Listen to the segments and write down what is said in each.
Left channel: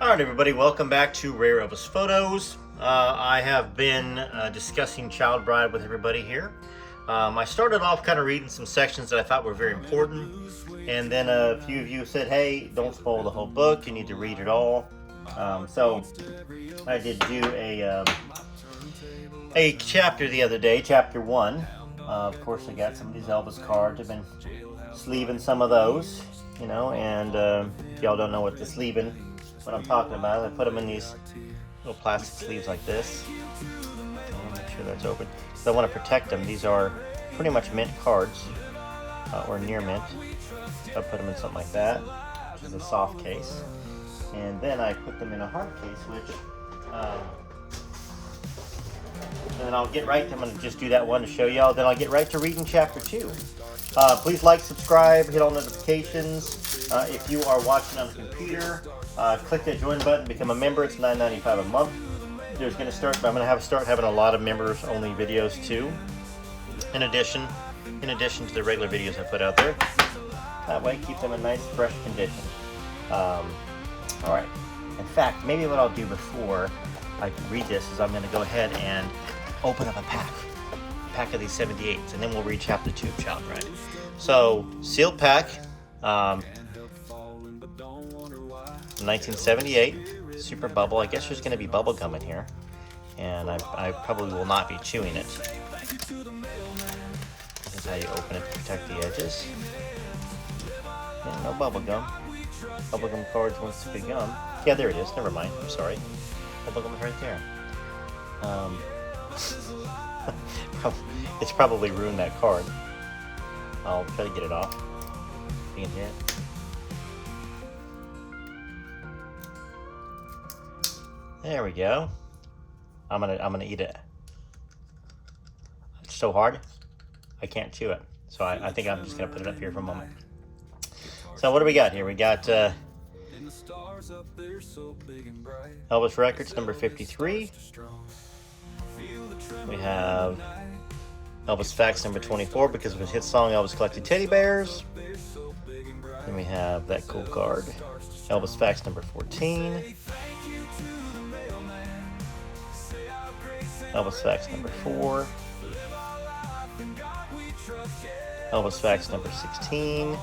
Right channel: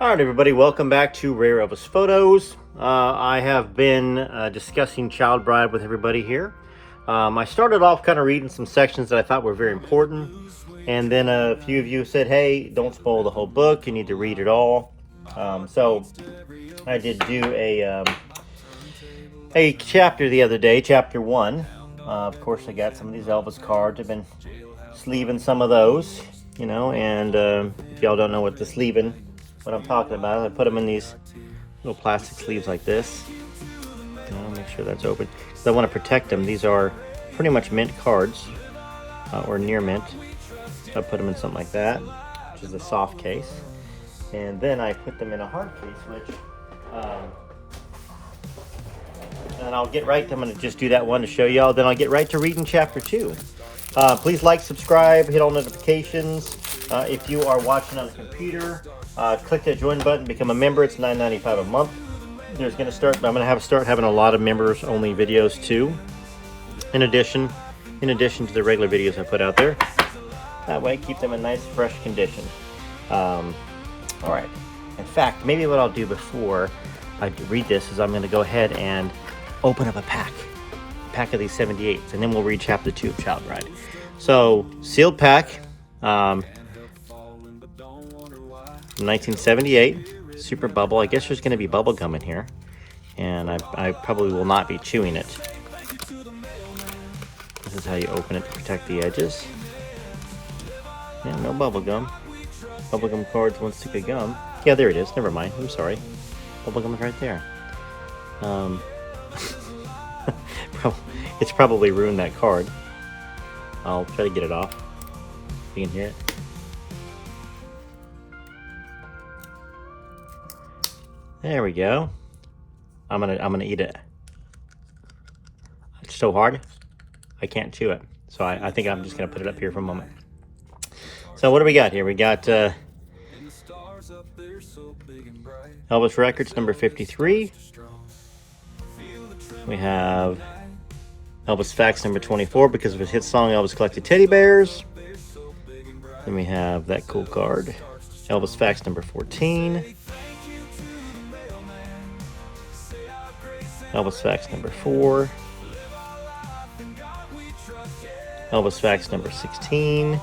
All right, everybody, welcome back to Rare Elvis Photos. I have been discussing Child Bride with everybody here. I started off kind of reading some sections that I thought were very important, and then a few of you said, hey, don't spoil the whole book, you need to read it all. So I did do a chapter the other day, chapter 1. Of course, I got some of these Elvis cards. I've been sleeving some of those, you know, and if y'all don't know what what I'm talking about, I put them in these little plastic sleeves like this. Make sure that's open. So I want to protect them. These are pretty much mint cards, or near mint. So I put them in something like that, which is a soft case. And then I put them in a hard case, which, and I'll get right to, I'm going to just do that one to show y'all, then I'll get right to reading chapter 2. Please like, subscribe, hit all notifications. If you are watching on the computer, click that join button, become a member. It's $9.95 a month. I'm going to start having a lot of members only videos too. In addition to the regular videos I put out there. That way, keep them in nice, fresh condition. All right. In fact, maybe what I'll do before I read this is I'm going to go ahead and open up a pack of these 78s, and then we'll read chapter 2 of Child Bride. So, sealed pack, 1978, super bubble. I guess there's going to be bubble gum in here, and I probably will not be chewing it. This is how you open it to protect the edges. And no bubble gum. Bubble gum cards won't stick a gum. Yeah, there it is. Never mind. I'm sorry. Bubble gum's right there. It's probably ruined that card. I'll try to get it off. You can hear it. There we go. I'm gonna eat it. It's so hard, I can't chew it. So I think I'm just gonna put it up here for a moment. So what do we got here? We got Elvis Records number 53. We have Elvis Facts number 24 because of his hit song Elvis Collected Teddy Bears. Then we have that cool card, Elvis Facts number 14. Elvis Facts number 4. Elvis Facts number 16.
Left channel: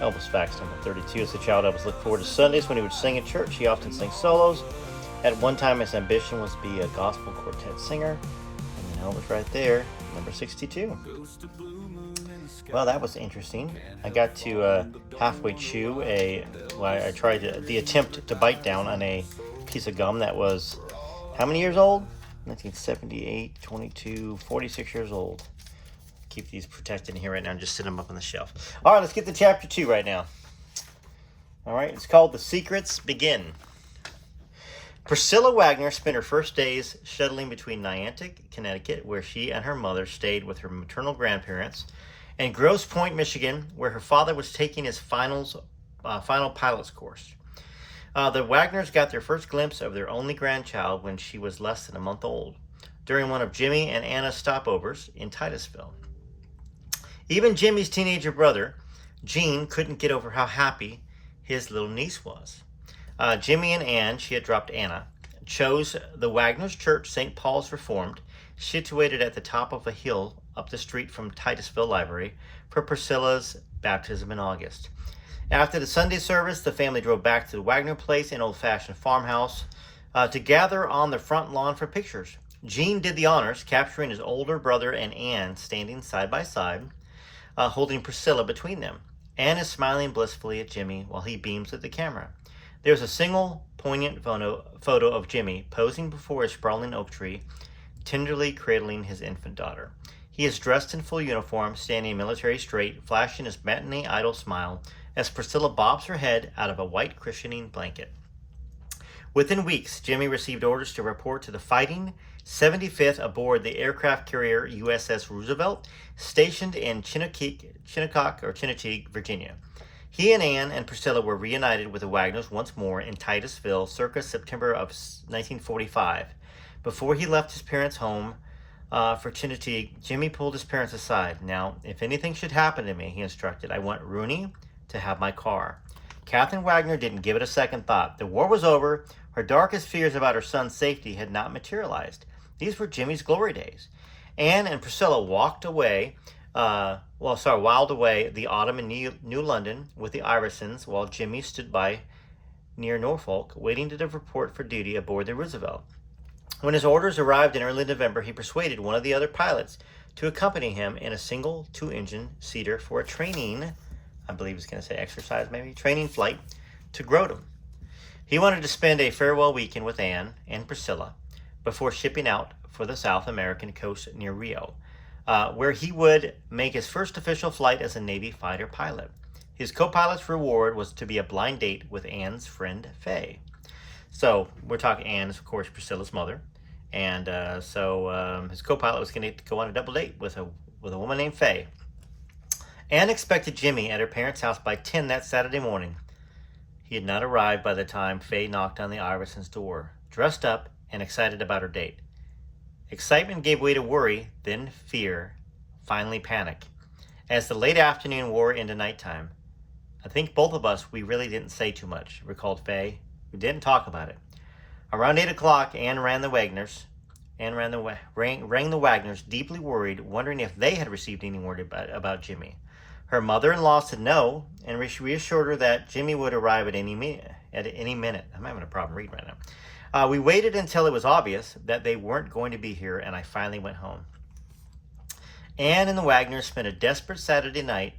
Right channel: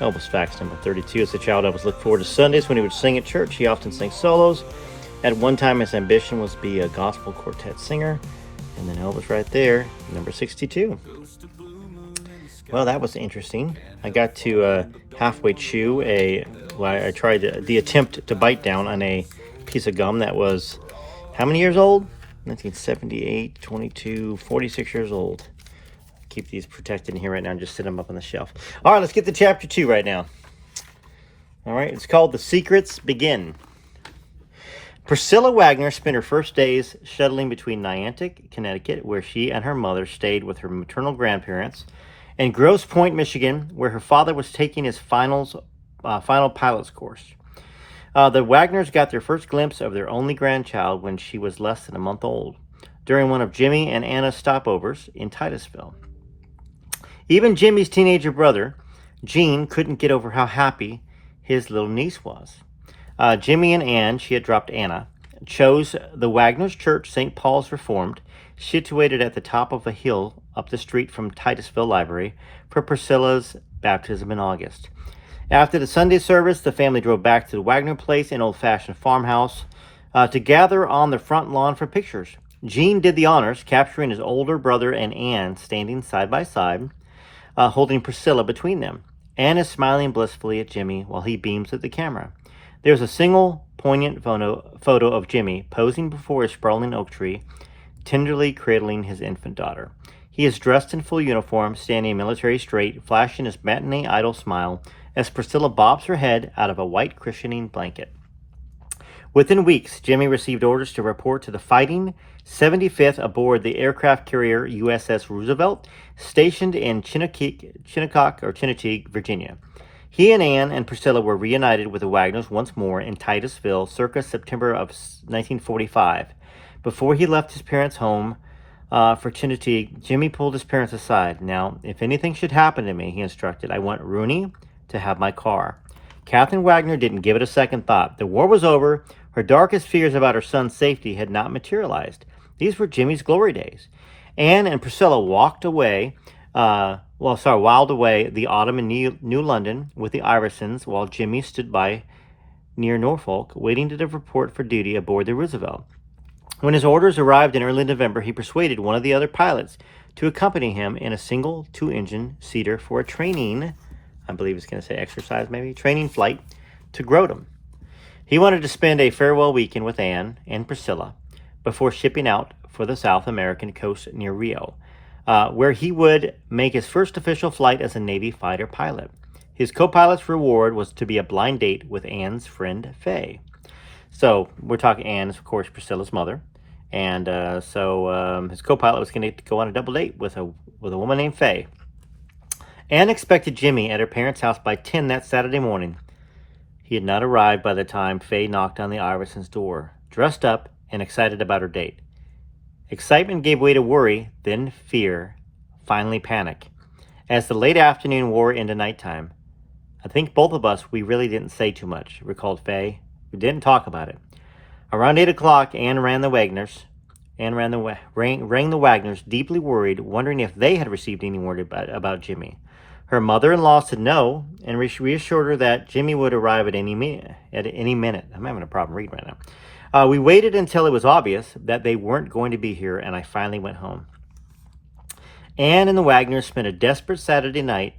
Elvis Facts number 32. As a child, Elvis looked forward to Sundays when he would sing at church. He often sang solos. At one time, his ambition was to be a gospel quartet singer. And then Elvis right there, number 62. Well, that was interesting. I got to halfway chew I tried the attempt to bite down on a piece of gum that was, how many years old? 1978, 22, 46 years old. Keep these protected in here right now and just sit them up on the shelf. All right, let's get to chapter 2 right now. All right, it's called The Secrets Begin. Priscilla Wagner spent her first days shuttling between Niantic, Connecticut, where she and her mother stayed with her maternal grandparents, and Grosse Pointe, Michigan, where her father was taking his final pilot's course. The Wagners got their first glimpse of their only grandchild when she was less than a month old, during one of Jimmy and Anna's stopovers in Titusville. Even Jimmy's teenager brother, Gene, couldn't get over how happy his little niece was. Jimmy and Anne, she had dropped Anna, chose the Wagners Church, St. Paul's Reformed, situated at the top of a hill up the street from Titusville Library, for Priscilla's baptism in August. After the Sunday service, the family drove back to the Wagner place, an old-fashioned farmhouse, to gather on the front lawn for pictures. Gene did the honors, capturing his older brother and Anne standing side by side, holding Priscilla between them. Anne is smiling blissfully at Jimmy while he beams at the camera. There's a single poignant photo of Jimmy posing before a sprawling oak tree, tenderly cradling his infant daughter. He is dressed in full uniform, standing military straight, flashing his matinee idol smile as Priscilla bobs her head out of a white cushioning blanket. Within weeks, Jimmy received orders to report to the Fighting 75th aboard the aircraft carrier USS Roosevelt, stationed in Chinnecock, Virginia. He and Anne and Priscilla were reunited with the Wagners once more in Titusville circa September of 1945. Before he left his parents' home for Chinnecock, Jimmy pulled his parents aside. "Now, if anything should happen to me," he instructed, "I want Rooney to have my car. Catherine Wagner didn't give it a second thought. The war was over. Her darkest fears about her son's safety had not materialized. These were Jimmy's glory days. Anne and Priscilla wiled away the autumn in New London with the Iversons, while Jimmy stood by near Norfolk, waiting to report for duty aboard the Roosevelt. When his orders arrived in early November, he persuaded one of the other pilots to accompany him in a single 2-engine seater for a training, I believe it's going to say exercise maybe, training flight to Groton. He wanted to spend a farewell weekend with Anne and Priscilla before shipping out for the South American coast near Rio, where he would make his first official flight as a Navy fighter pilot. His co-pilot's reward was to be a blind date with Anne's friend Faye. So we're talking Anne is, of course, Priscilla's mother. And his co-pilot was going to go on a double date with a woman named Faye. Anne expected Jimmy at her parents' house by 10 that Saturday morning. He had not arrived by the time Faye knocked on the Iversons' door, dressed up and excited about her date. Excitement gave way to worry, then fear, finally panic. As the late afternoon wore into nighttime, I think both of us, we really didn't say too much, recalled Faye. We didn't talk about it. Around 8 o'clock, Anne rang the Wagners, deeply worried, wondering if they had received any word about Jimmy. Her mother-in-law said no, and reassured her that Jimmy would arrive at any minute. I'm having a problem reading right now. We waited until it was obvious that they weren't going to be here, and I finally went home. Anne and the Wagners spent a desperate Saturday night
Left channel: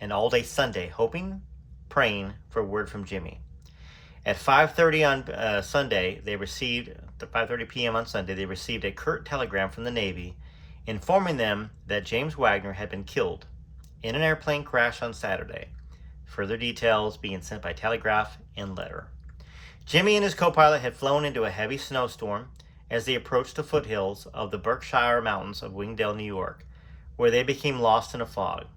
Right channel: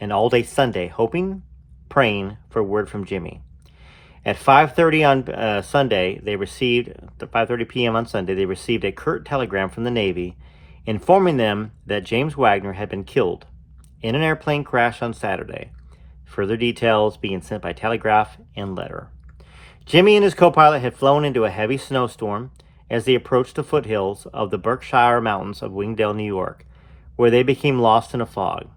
and all day Sunday hoping, praying for word from Jimmy. At 5:30 on Sunday, 5:30 p.m. on Sunday, they received a curt telegram from the Navy informing them that James Wagner had been killed in an airplane crash on Saturday. Further details being sent by telegraph and letter. Jimmy and his co-pilot had flown into a heavy snowstorm as they approached the foothills of the Berkshire Mountains of Wingdale, New York, where they became lost in a fog.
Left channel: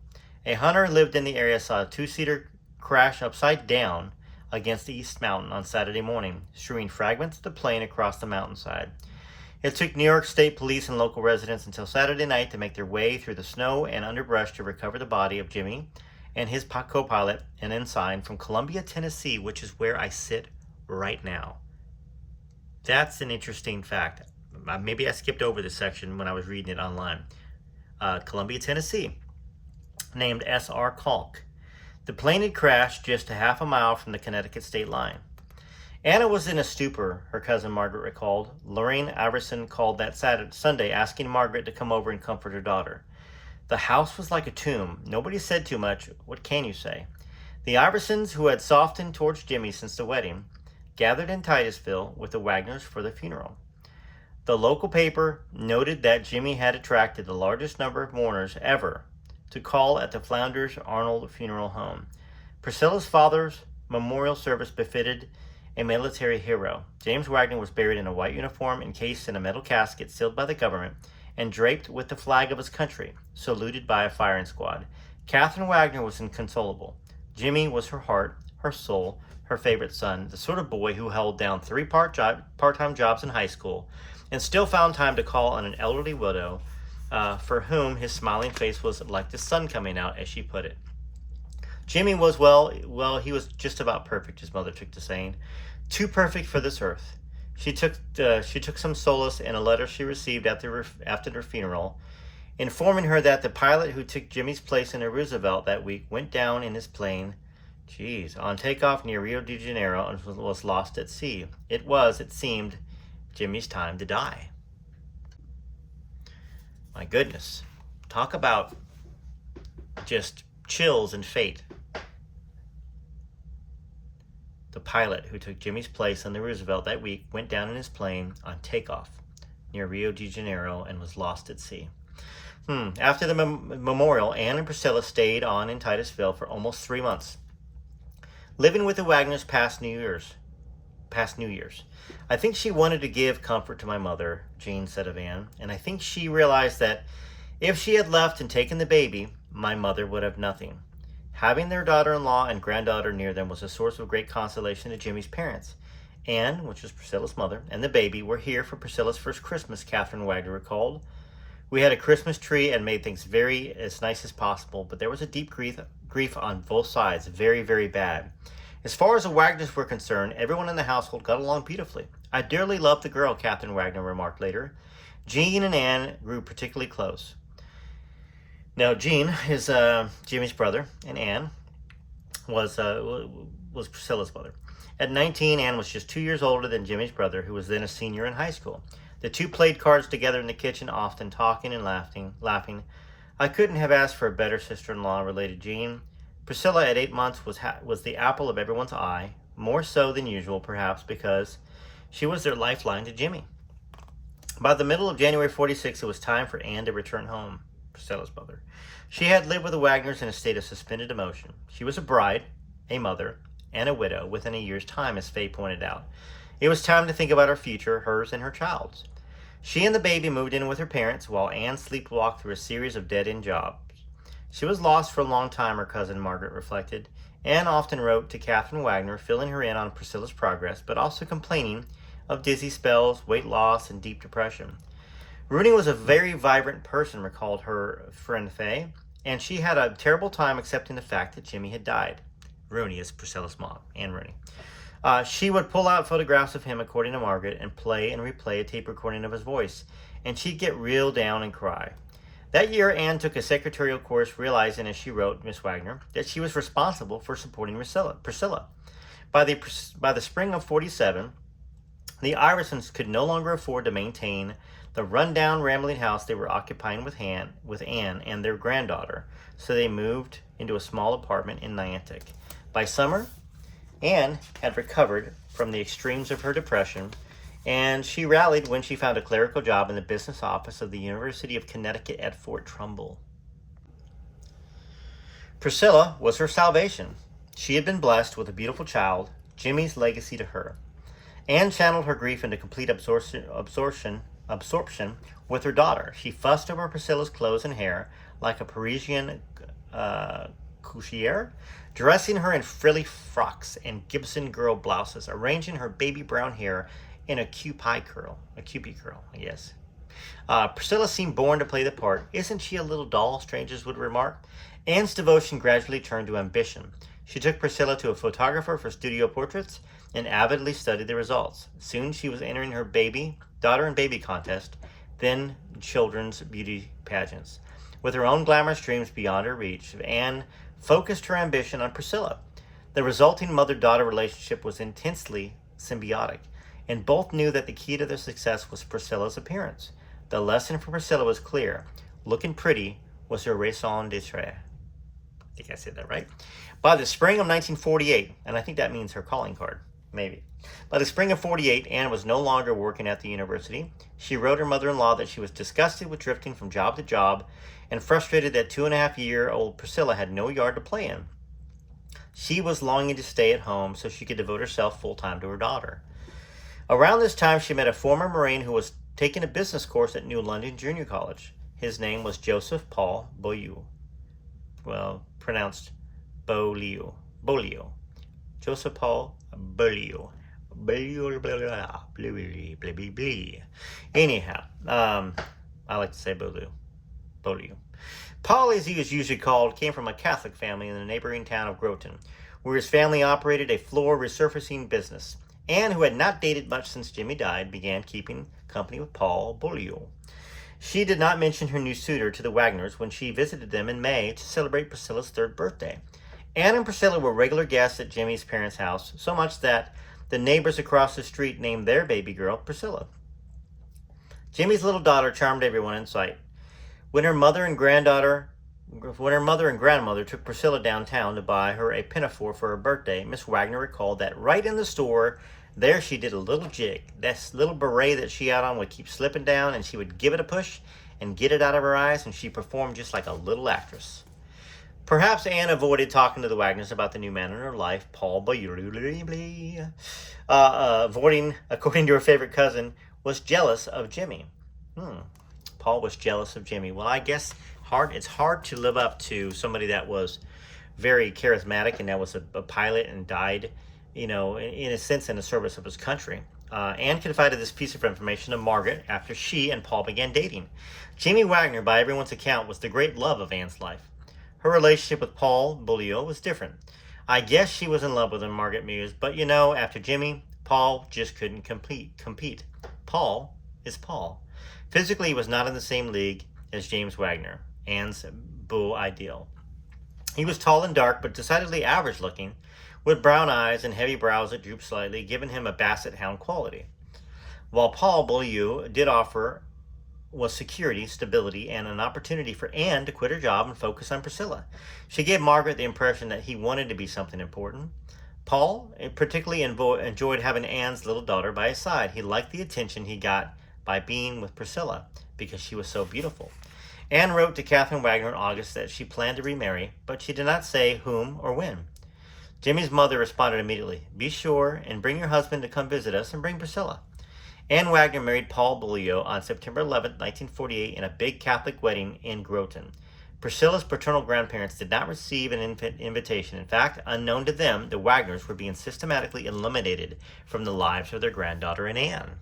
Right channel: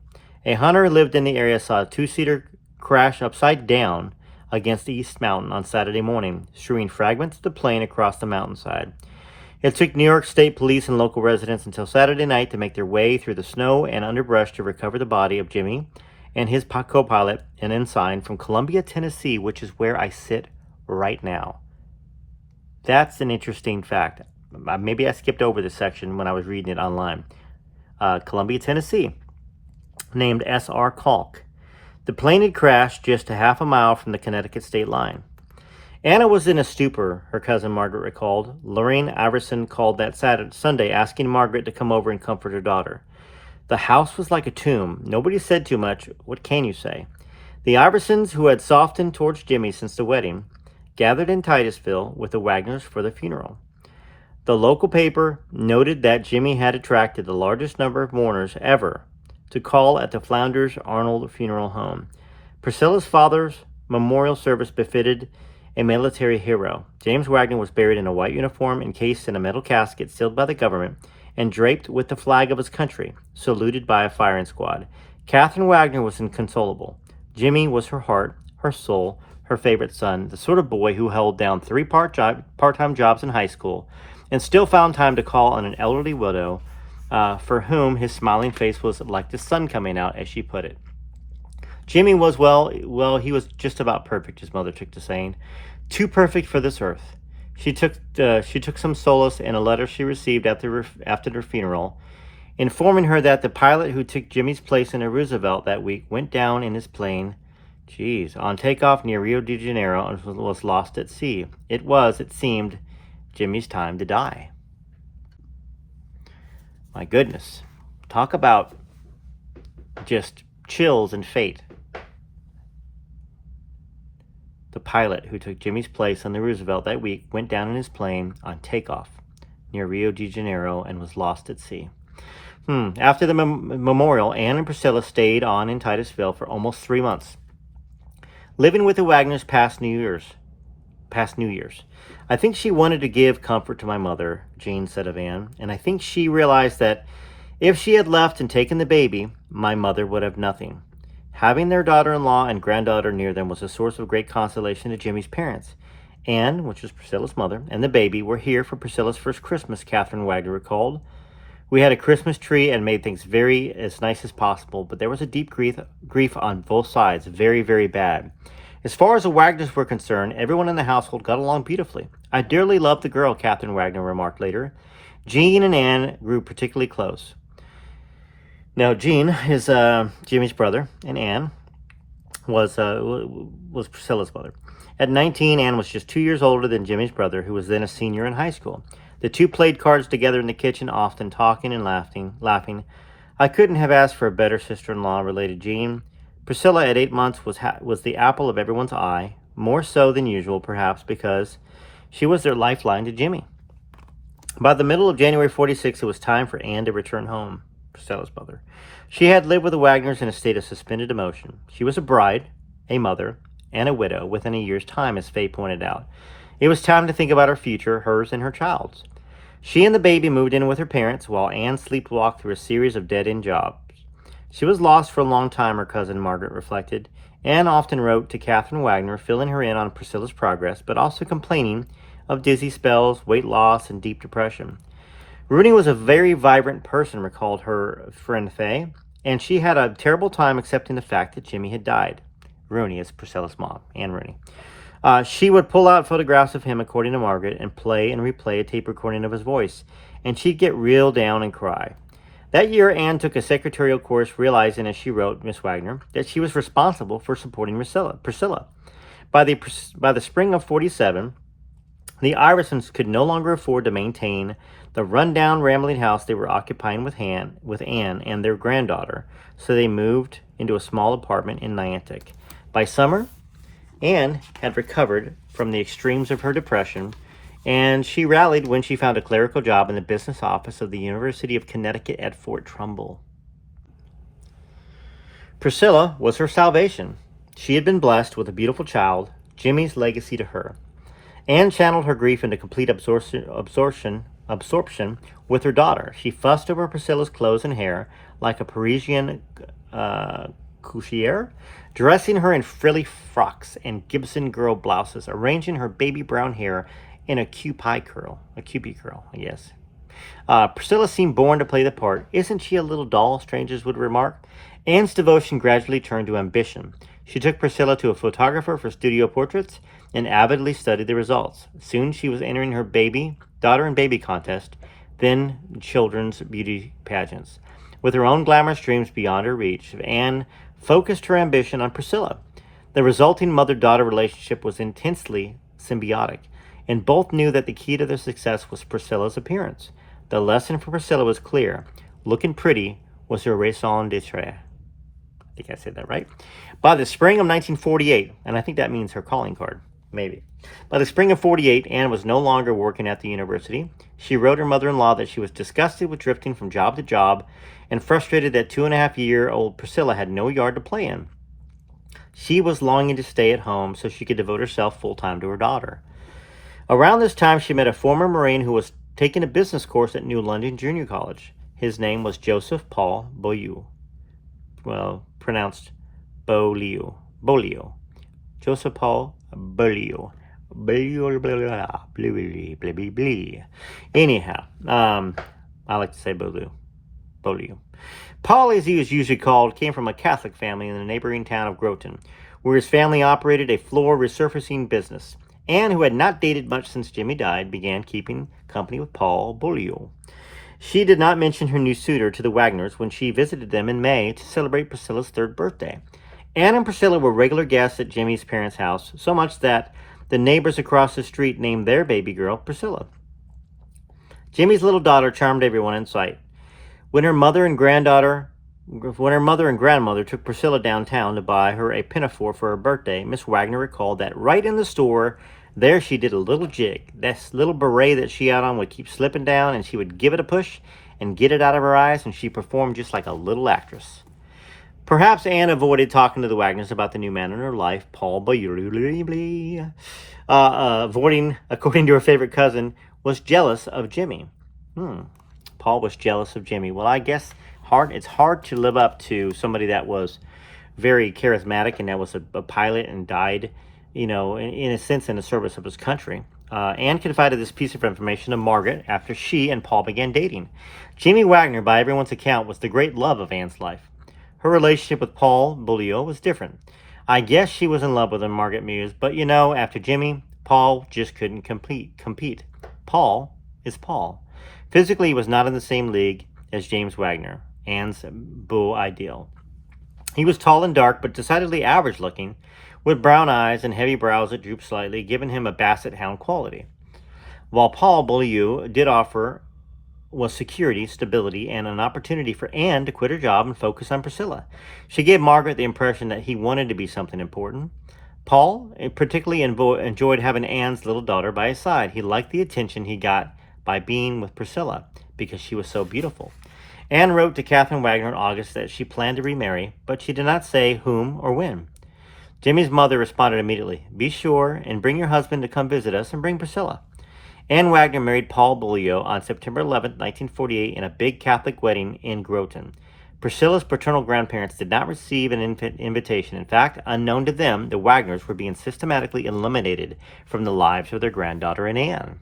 A hunter who lived in the area saw a 2-seater crash upside down against the East Mountain on Saturday morning, strewing fragments of the plane across the mountainside. It took New York State Police and local residents until Saturday night to make their way through the snow and underbrush to recover the body of Jimmy and his co-pilot, an ensign from Columbia, Tennessee, which is where I sit right now. That's an interesting fact. Maybe I skipped over this section when I was reading it online. Columbia, Tennessee, named S.R. Kalk. The plane had crashed just a half a mile from the Connecticut state line. Anna was in a stupor, her cousin Margaret recalled. Lorraine Iverson called that Sunday, asking Margaret to come over and comfort her daughter. The house was like a tomb. Nobody said too much. What can you say? The Iversons, who had softened towards Jimmy since the wedding, gathered in Titusville with the Wagners for the funeral. The local paper noted that Jimmy had attracted the largest number of mourners ever to call at the Flounders Arnold funeral home. Priscilla's father's memorial service befitted a military hero. James Wagner was buried in a white uniform, encased in a metal casket sealed by the government, and draped with the flag of his country, saluted by a firing squad. Catherine Wagner was inconsolable. Jimmy was her heart, her soul, her favorite son, the sort of boy who held down 3 part-time jobs in high school and still found time to call on an elderly widow for whom his smiling face was like the sun coming out, as she put it. Jimmy was, he was just about perfect, his mother took to saying. Too perfect for this earth. She took some solace in a letter she received after her funeral, informing her that the pilot who took Jimmy's place in a Roosevelt that week went down in his plane, on takeoff near Rio de Janeiro and was lost at sea. It was, it seemed, Jimmy's time to die. My goodness. Talk about just chills and fate. The pilot who took Jimmy's place on the Roosevelt that week went down in his plane on takeoff near Rio de Janeiro and was lost at sea. After the memorial, Anne and Priscilla stayed on in Titusville for almost 3 months, living with the Wagners past New Year's. I think she wanted to give comfort to my mother, Jean said of Anne, and I think she realized that if she had left and taken the baby, my mother would have nothing. Having their daughter-in-law and granddaughter near them was a source of great consolation to Jimmy's parents. Anne, which was Priscilla's mother, and the baby were here for Priscilla's first Christmas, Catherine Wagner recalled. We had a Christmas tree and made things as nice as possible, but there was a deep grief on both sides, very, very bad. As far as the Wagners were concerned, everyone in the household got along beautifully. I dearly loved the girl, Catherine Wagner remarked later. Jean and Anne grew particularly close. Now, Jean is Jimmy's brother, and Anne was Priscilla's mother. At 19, Anne was just 2 years older than Jimmy's brother, who was then a senior in high school. The two played cards together in the kitchen, often talking and laughing. I couldn't have asked for a better sister-in-law, related Jean. Priscilla, at 8 months, was the apple of everyone's eye, more so than usual, perhaps, because she was their lifeline to Jimmy. By the middle of January 46, it was time for Anne to return home, Priscilla's mother. She had lived with the Wagners in a state of suspended emotion. She was a bride, a mother, and a widow within a year's time, as Faye pointed out. It was time to think about her future, hers and her child's. She and the baby moved in with her parents, while Anne sleepwalked through a series of dead-end jobs. She was lost for a long time, her cousin Margaret reflected. Anne often wrote to Catherine Wagner, filling her in on Priscilla's progress, but also complaining of dizzy spells, weight loss, and deep depression. Rooney was a very vibrant person, recalled her friend Faye, and she had a terrible time accepting the fact that Jimmy had died. Rooney is Priscilla's mom, Anne Rooney. She would pull out photographs of him, according to Margaret, and play and replay a tape recording of his voice, and she'd get real down and cry. That year, Anne took a secretarial course, realizing, as she wrote, Miss Wagner, that she was responsible for supporting Priscilla. By the spring of 47, the Iversons could no longer afford to maintain the rundown, rambling house they were occupying with Anne and their granddaughter, so they moved into a small apartment in Niantic. By summer, Anne had recovered from the extremes of her depression, and she rallied when she found a clerical job in the business office of the University of Connecticut at Fort Trumbull. Priscilla was her salvation. She had been blessed with a beautiful child, Jimmy's legacy to her. Anne channeled her grief into complete absorption with her daughter. She fussed over Priscilla's clothes and hair like a Parisian couturière, dressing her in frilly frocks and Gibson girl blouses, arranging her baby brown hair in a Cupid curl, I guess. Priscilla seemed born to play the part. Isn't she a little doll, strangers would remark? Anne's devotion gradually turned to ambition. She took Priscilla to a photographer for studio portraits and avidly studied the results. Soon she was entering her daughter and baby contest, then children's beauty pageants. With her own glamorous dreams beyond her reach, Anne focused her ambition on Priscilla. The resulting mother-daughter relationship was intensely symbiotic, and both knew that the key to their success was Priscilla's appearance. The lesson for Priscilla was clear. Looking pretty was her raison d'etre. I think I said that right. By the spring of 1948, and I think that means her calling card, maybe. By the spring of 48, Anne was no longer working at the university. She wrote her mother-in-law that she was disgusted with drifting from job to job and frustrated that 2.5-year-old Priscilla had no yard to play in. She was longing to stay at home so she could devote herself full-time to her daughter. Around this time, she met a former Marine who was taking a business course at New London Junior College. His name was Joseph Paul Beaulieu. Well, pronounced Beaulieu. Joseph Paul Beaulieu. Anyhow, I like to say Beaulieu. Paul, as he was usually called, came from a Catholic family in the neighboring town of Groton, where his family operated a floor resurfacing business. Anne, who had not dated much since Jimmy died, began keeping company with Paul Beaulieu. She did not mention her new suitor to the Wagners when she visited them in May to celebrate Priscilla's 3rd birthday. Anne and Priscilla were regular guests at Jimmy's parents' house, so much that the neighbors across the street named their baby girl Priscilla. Jimmy's little daughter charmed everyone in sight. When her mother and grandmother took Priscilla downtown to buy her a pinafore for her birthday, Miss Wagner recalled that right in the store, there she did a little jig. That little beret that she had on would keep slipping down, and she would give it a push and get it out of her eyes, and she performed just like a little actress. Perhaps Anne avoided talking to the Wagners about the new man in her life, Paul Beaulieu. Avoiding, according to her favorite cousin, was jealous of Jimmy. Paul was jealous of Jimmy. Well, I guess it's hard to live up to somebody that was very charismatic and that was a pilot and died, in a sense, in the service of his country. Anne confided this piece of information to Margaret after she and Paul began dating. Jimmy Wagner, by everyone's account, was the great love of Anne's life. Her relationship with Paul Beaulieu was different. I guess she was in love with him, Margaret mused, but after Jimmy, Paul just couldn't compete. Paul is Paul. Physically, he was not in the same league as James Wagner, Anne's beau ideal. He was tall and dark, but decidedly average looking, with brown eyes and heavy brows that drooped slightly, giving him a basset hound quality. While Paul Beaulieu did offer was security, stability, and an opportunity for Anne to quit her job and focus on Priscilla. She gave Margaret the impression that he wanted to be something important. Paul particularly enjoyed having Anne's little daughter by his side. He liked the attention he got by being with Priscilla because she was so beautiful. Anne wrote to Catherine Wagner in August that she planned to remarry, but she did not say whom or when. Jimmy's mother responded immediately, "Be sure and bring your husband to come visit us and bring Priscilla." Anne Wagner married Paul Beaulieu on September 11, 1948, in a big Catholic wedding in Groton. Priscilla's paternal grandparents did not receive an invitation. In fact, unknown to them, the Wagners were being systematically eliminated from the lives of their granddaughter and Anne.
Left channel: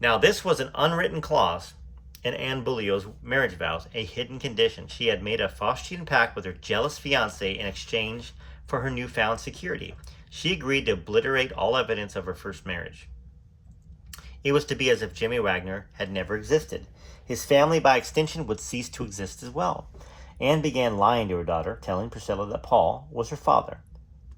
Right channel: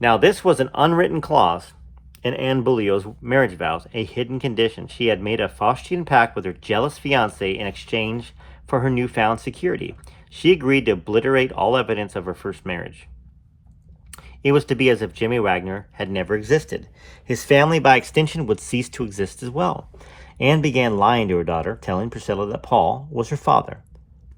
Now, this was an unwritten clause in Anne Beaulieu's marriage vows, a hidden condition. She had made a Faustian pact with her jealous fiancé in exchange for her newfound security. She agreed to obliterate all evidence of her first marriage. It was to be as if Jimmy Wagner had never existed. His family, by extension, would cease to exist as well. Anne began lying to her daughter, telling Priscilla that Paul was her father.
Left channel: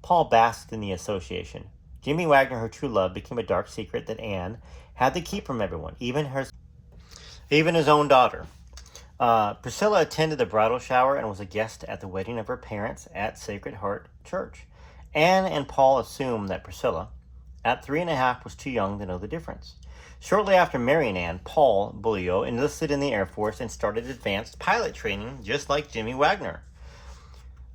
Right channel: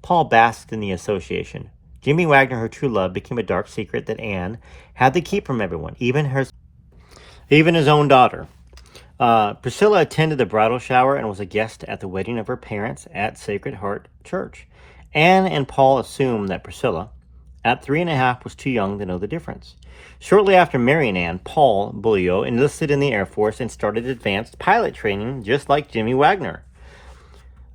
Paul basked in the association. Jimmy Wagner, her true love, became a dark secret that Anne had to keep from everyone, even his own daughter. Priscilla attended the bridal shower and was a guest at the wedding of her parents at Sacred Heart Church. Anne and Paul assumed that Priscilla, at 3.5, was too young to know the difference. Shortly after marrying Anne, Paul Beaulieu enlisted in the Air Force and started advanced pilot training, just like Jimmy Wagner.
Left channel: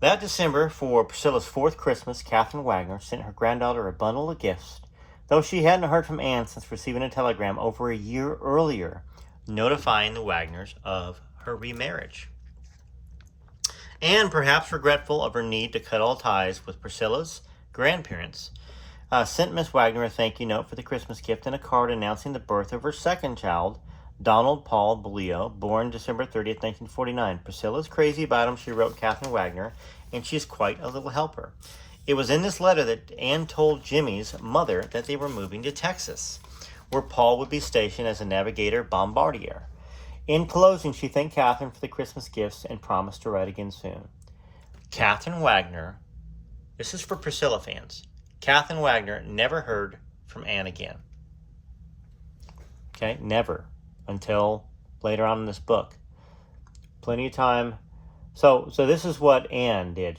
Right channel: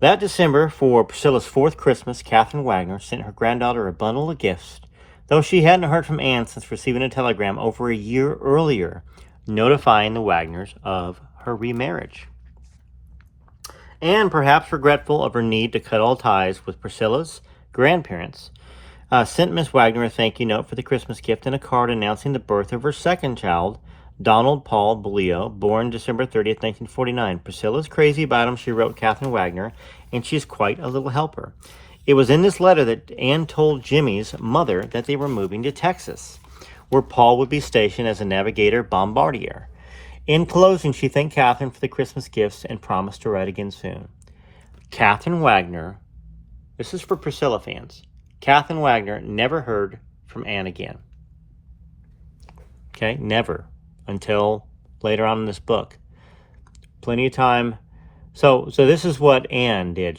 That December, for Priscilla's 4th Christmas, Catherine Wagner sent her granddaughter a bundle of gifts, though she hadn't heard from Anne since receiving a telegram over a year earlier, notifying the Wagners of her remarriage. Anne, perhaps regretful of her need to cut all ties with Priscilla's grandparents, sent Miss Wagner a thank you note for the Christmas gift and a card announcing the birth of her second child, Donald Paul Beaulieu, born December 30th, 1949. Priscilla's crazy about him, she wrote Catherine Wagner, and she's quite a little helper. It was in this letter that Anne told Jimmy's mother that they were moving to Texas, where Paul would be stationed as a navigator bombardier. In closing, she thanked Catherine for the Christmas gifts and promised to write again soon. Catherine Wagner, this is for Priscilla fans, Catherine Wagner never heard from Anne again. Okay, never, until later on in this book. Plenty of time. So this is what Anne did.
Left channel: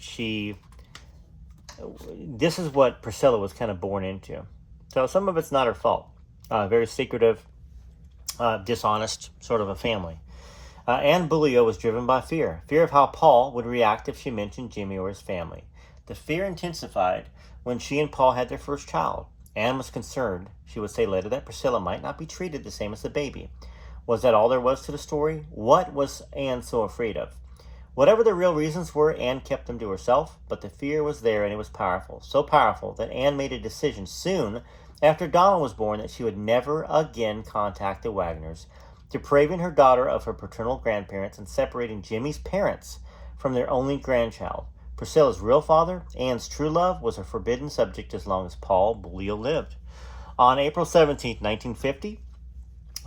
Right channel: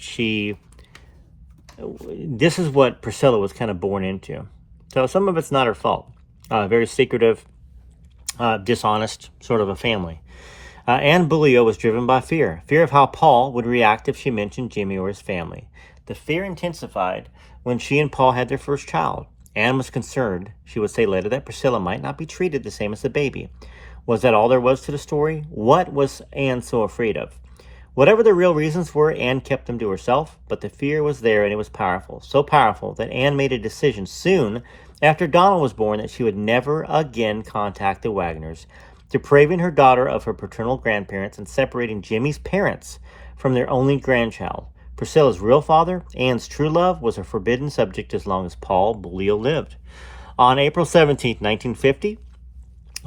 This is what Priscilla was kind of born into. So some of it's not her fault. Very secretive, dishonest sort of a family. Anne Beaulieu was driven by fear of how Paul would react if she mentioned Jimmy or his family. The fear intensified when she and Paul had their first child. Anne was concerned, she would say later, that Priscilla might not be treated the same as the baby. Was that all there was to the story? What was Anne so afraid of? Whatever the real reasons were, Anne kept them to herself, but the fear was there and it was powerful. So powerful that Anne made a decision soon after Donald was born that she would never again contact the Wagners, depriving her daughter of her paternal grandparents and separating Jimmy's parents from their only grandchild. Priscilla's real father, Anne's true love, was a forbidden subject as long as Paul Beaulieu lived. On April 17, 1950,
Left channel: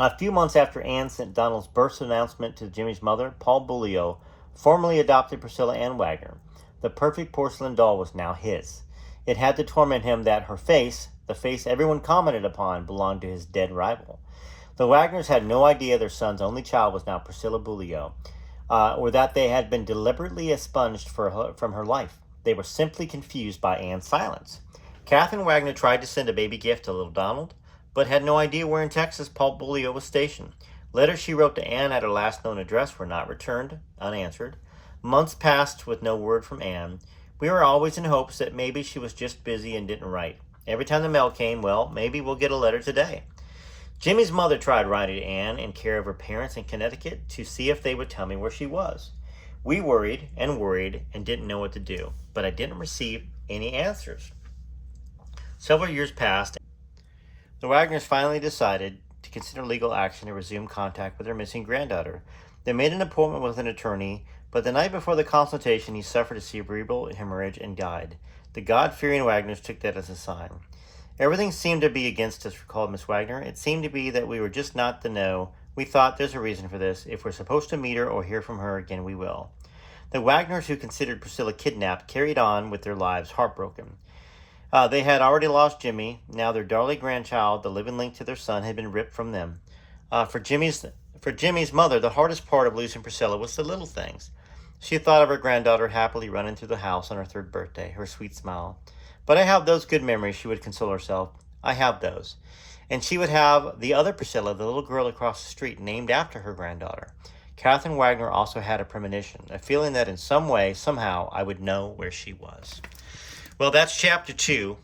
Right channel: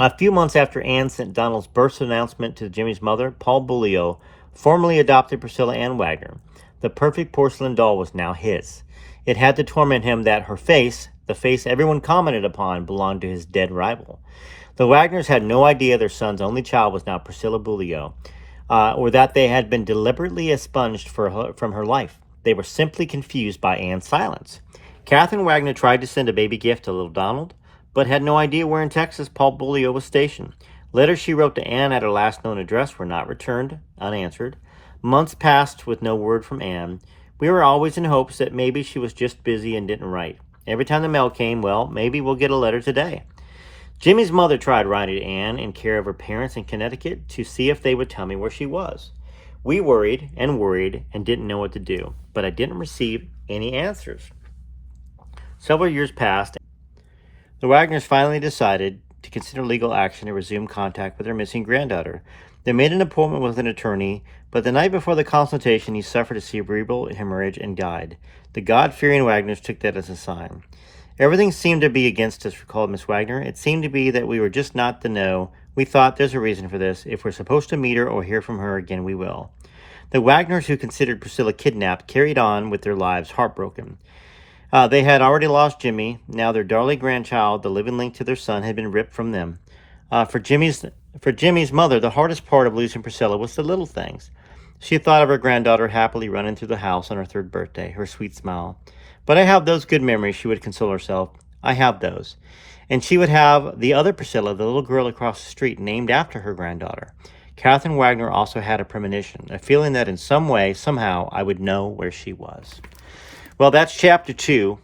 a few months after Anne sent Donald's birth announcement to Jimmy's mother, Paul Beaulieu formally adopted Priscilla Ann Wagner. The perfect porcelain doll was now his. It had to torment him that her face, the face everyone commented upon, belonged to his dead rival. The Wagners had no idea their son's only child was now Priscilla Beaulieu, or that they had been deliberately expunged from her life. They were simply confused by Anne's silence. Catherine Wagner tried to send a baby gift to little Donald, but had no idea where in Texas Paul Beaulieu was stationed. Letters she wrote to Anne at her last known address were not returned, unanswered. Months passed with no word from Anne. We were always in hopes that maybe she was just busy and didn't write. Every time the mail came, well, maybe we'll get a letter today. Jimmy's mother tried writing to Anne in care of her parents in Connecticut to see if they would tell me where she was. We worried and didn't know what to do, but I didn't receive any answers. Several years passed. The Wagners finally decided to consider legal action to resume contact with their missing granddaughter. They made an appointment with an attorney, but the night before the consultation, he suffered a cerebral hemorrhage and died. The God-fearing Wagners took that as a sign. Everything seemed to be against us, recalled Miss Wagner. It seemed to be that we were just not to know. We thought there's a reason for this. If we're supposed to meet her or hear from her again, we will. The Wagners, who considered Priscilla kidnapped, carried on with their lives heartbroken. They had already lost Jimmy. Now their darling grandchild, the living link to their son, had been ripped from them. For Jimmy's mother, the hardest part of losing Priscilla was the little things. She thought of her granddaughter happily running through the house on her 3rd birthday, her sweet smile. But I have those good memories, she would console herself. I have those. And she would have the other Priscilla, the little girl across the street, named after her granddaughter. Catherine Wagner also had a premonition, a feeling that in some way, somehow, I would know where she was. Well, that's chapter 2.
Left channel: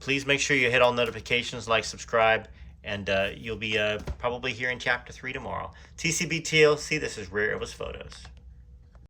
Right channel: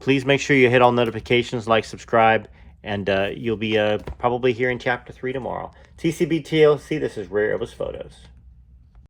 Please make sure you hit all notifications, like, subscribe, and you'll be probably here in chapter 3 tomorrow. TCB TLC, this is Rare Elvis Photos.